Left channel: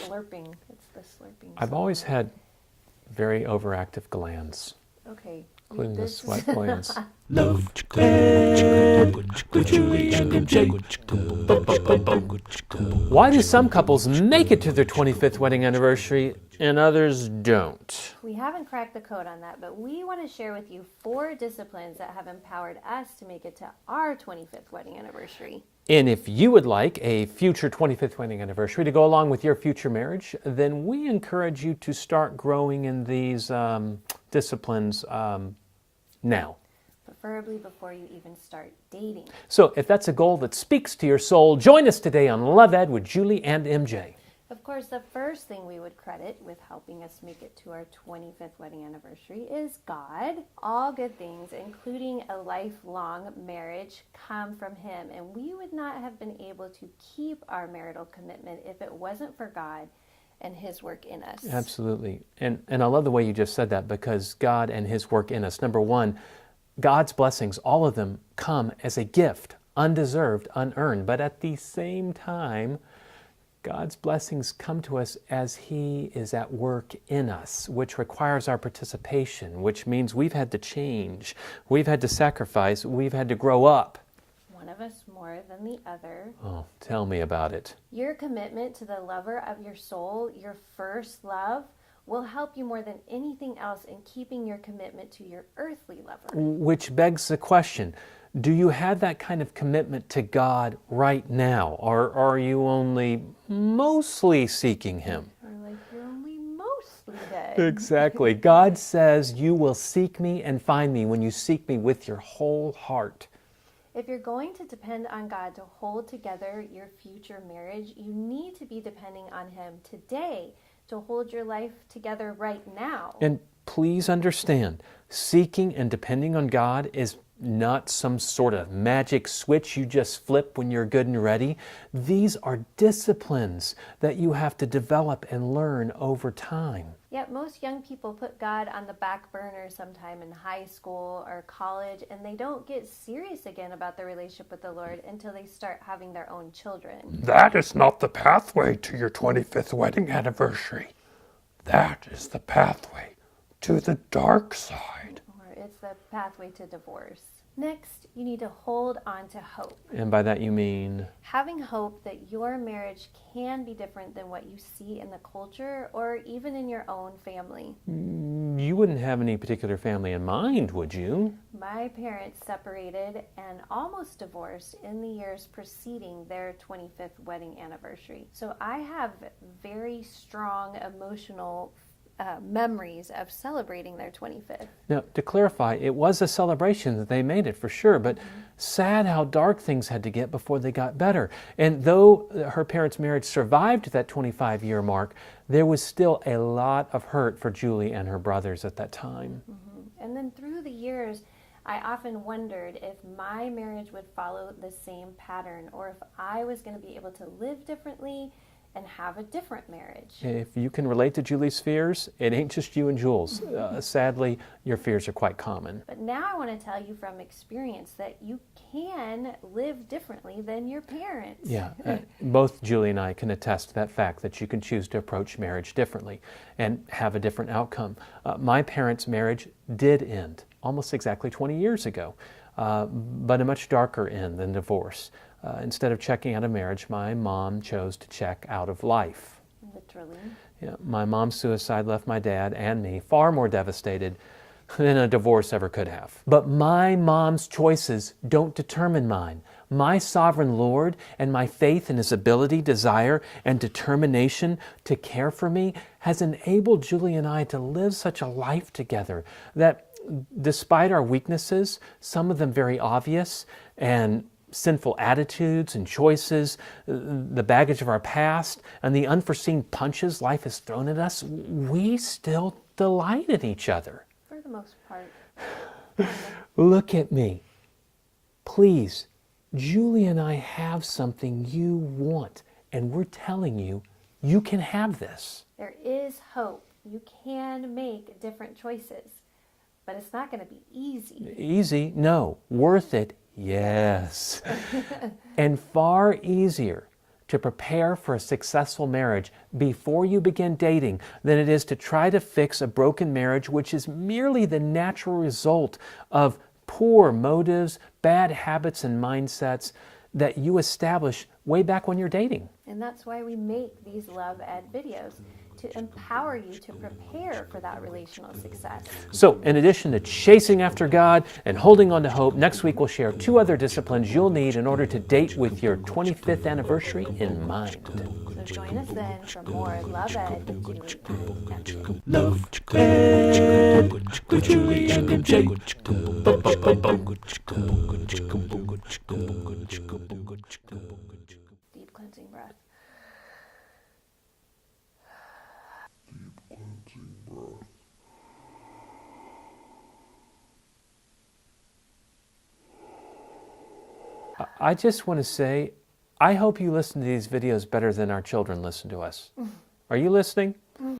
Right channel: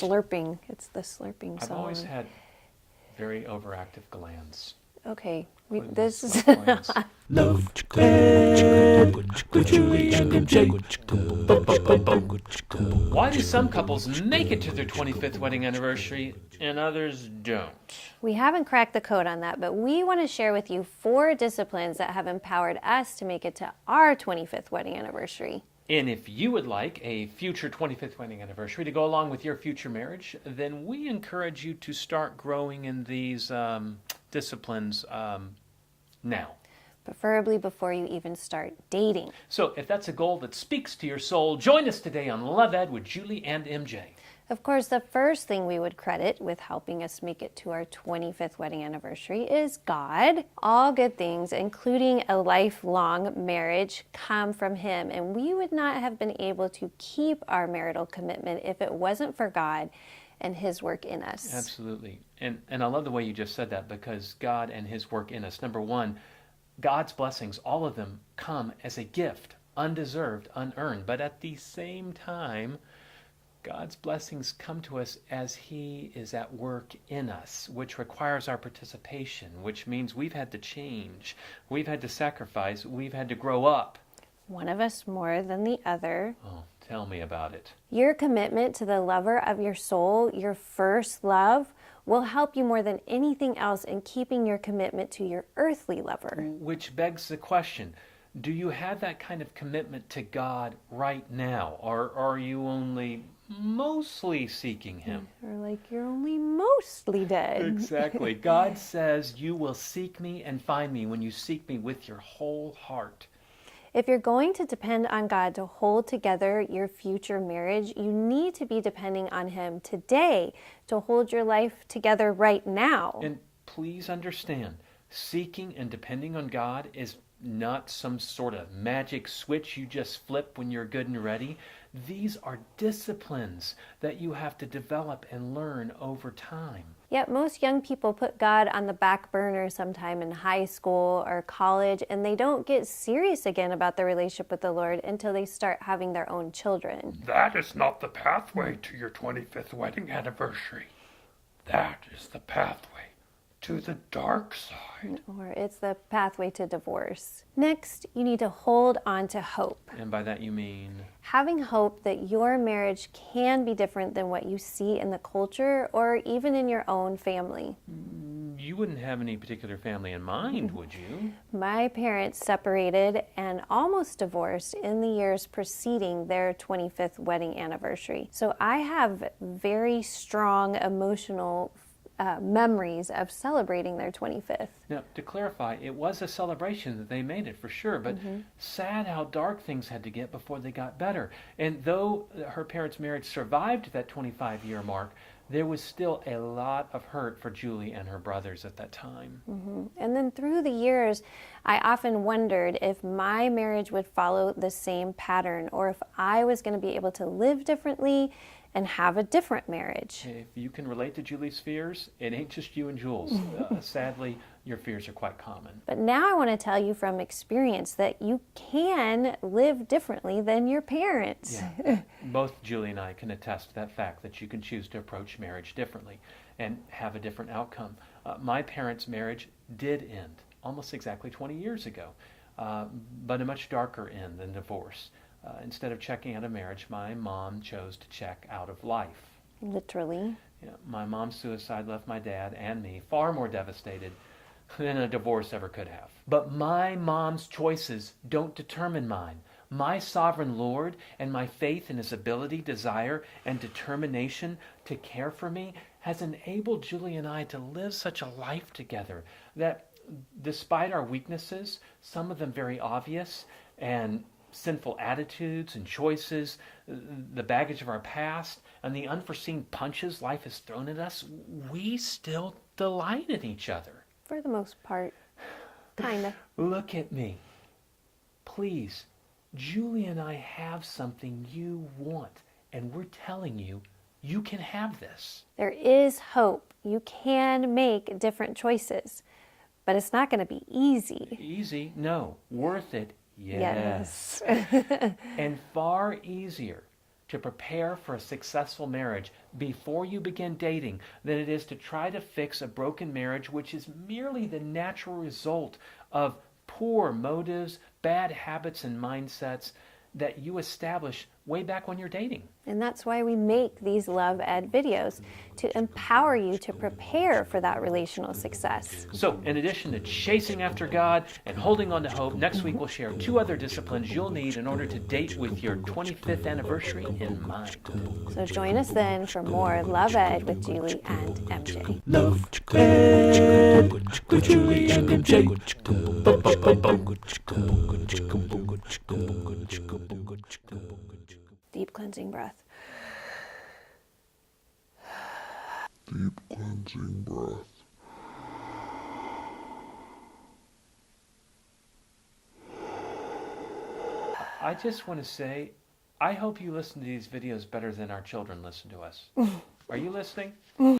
slurping. It's the slurping I've song. always had very overactive glands. Okay. Including the This is sweat glands. Love with Julie and MJ. Why do some couples make it to their 25th wedding anniversary and others don't? We haven't cracked the code on that, but we want to share with you 4 disciplines that have empowered us to make it to our 25th wedding anniversary. And if you would like a future 25th wedding anniversary to go along with your future marriage, then we encourage you to start growing in these disciplines now. Preferably before you even start dating. So if that's a goal that speaks to your soul, join us today on Love Ed with Julie and MJ. Of course, the first thing we would credit with helping us make it to our 25th wedding anniversary is God. All good things, including a lifelong marriage, come from Him, and we would not have been able to keep our marital commitment if it wasn't for God and His work in us. Absolutely. And I love the way you just said that, because God and His work in us. Number one, God's blessings, all of them come as a gift, undeserved, unearned. But at the same time, God's blessings come to us as He is at work in us, which requires our participation, which means we've had to change, we've had to sacrifice, we've had to grow up. One of us more than the other. Oh, tell me about it. Your commitment to the lover of your soul, your first love, will help you more than anything else in keeping your commitment to your earthly lover. Which begs the question, do you have that kind of commitment to God right now? Or are you only mostly seeking Him? Or like you're only mostly dead. Exactly. God says you will seek me and find me when you seek me with your whole heart. If you're going to depend on God to hold together your future marriage, you need to be depending on Him today to hold your life together right now. And please understand, seeking and depending on God is not some sort of magic switch you just flip when you're good and ready. These are disciplines that you have to develop and learn over time. Yet most young people put God on the back burner sometime in high school or college, and they don't get serious again about their relationship with the Lord until they start having their own children. That is not the pathway to your 25th wedding anniversary. That is the pathway to the dark side. Or it's the pathway to divorce. Next, you need to hold on to hope. And by that you mean? Having hope that your marriage can be different than what you see in the culture or even in your own family. You wouldn't have any particular family in mind, would you? My parents separated and almost divorced in the years preceding their 25th wedding anniversary. So I have very strong emotional memories of celebrating their 25th. Now, to clarify, it was a celebration that they made it for sure, but sad how dark things had to get before they got better. And though her parents' marriage survived that 25-year mark, there was still a lot of hurt for Julie and her brothers at that time. And then through the years, I often wondered if my marriage would follow the same pattern or if I was going to be able to live differently and have a different marriage. If you can relate to Julie's fears, it ain't just you and Jules. Sadly, your fears are quite common. But now I want to tell you from experience that you can live differently than your parents. Yeah, both Julie and I can attest to that fact that you can choose to approach marriage differently and have a different outcome. My parents' marriage did end almost exactly 20 years ago, but a much darker end than divorce. Instead of checking out of marriage, my mom chose to check out of life. Literally. Yeah, my mom's suicide left my dad and me far more devastated than a divorce ever could have. But my mom's choices don't determine mine. My sovereign Lord and my faith in His ability, desire, and determination to care for me has enabled Julie and I to live such a life together that despite our weaknesses, some of them very obvious, and sinful attitudes and choices, the baggage of our past, and the unforeseen punches life has thrown at us, we still delight in each other. For the most part. Kind of. Look at me. Please, Julie and I have something you want, and we're telling you, you can have this. There is hope. You can make different choices, but it's not going to be easy. Easy? No. Worth it? Yes. And far easier to prepare for a successful marriage before you begin dating than it is to try to fix a broken marriage, which is merely the natural result of poor motives, bad habits, and mindsets that you establish way back when you're dating. And that's why we make these Love Ed videos, to empower you to prepare for that relational success. So, in addition to chasing after God and holding on to hope, next week we'll share 2 other disciplines you'll need in order to date with your 25th anniversary in mind. So join us then for more Love Ed with Julie and MJ. Love Ed with Julie and MJ. Deep cleansing breath. Deep cleansing breath. I just want to say, I hope you listen to these videos better than our children listen to us. Are you listening?